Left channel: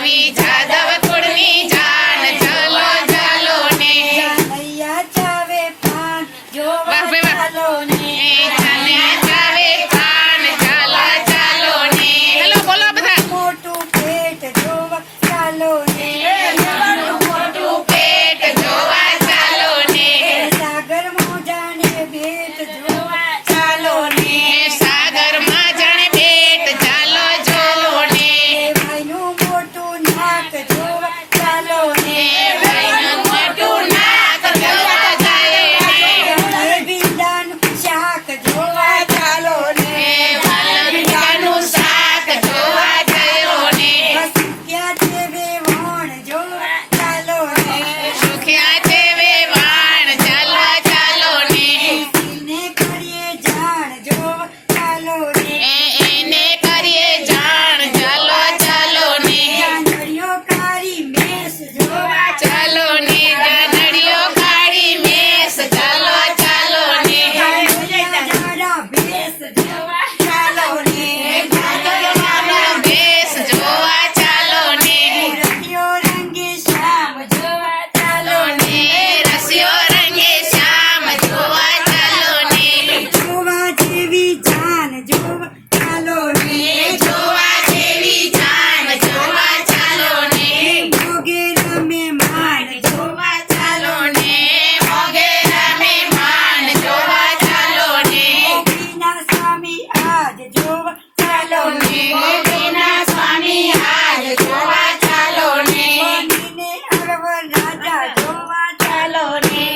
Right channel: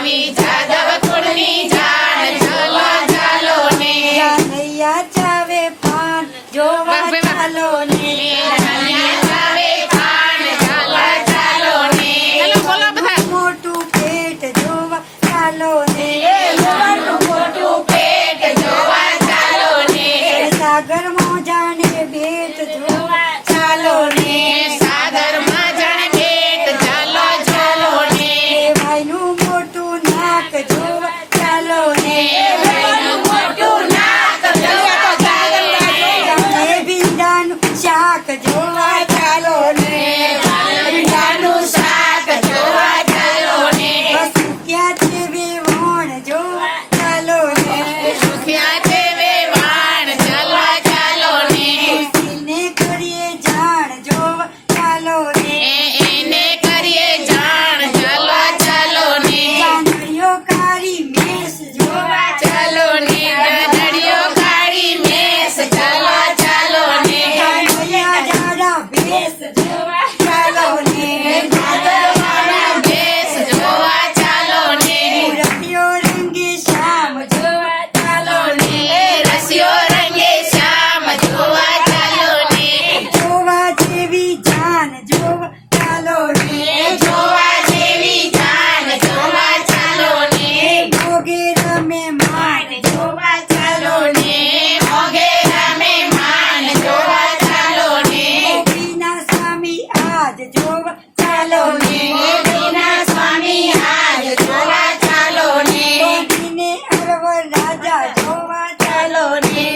સ્વામી Jadav કુળની te yo. ચાલો ને ચાલો ને ગોપીને ચાલો ને ગોપીને અરવ રાજા જોવા ચાલો ને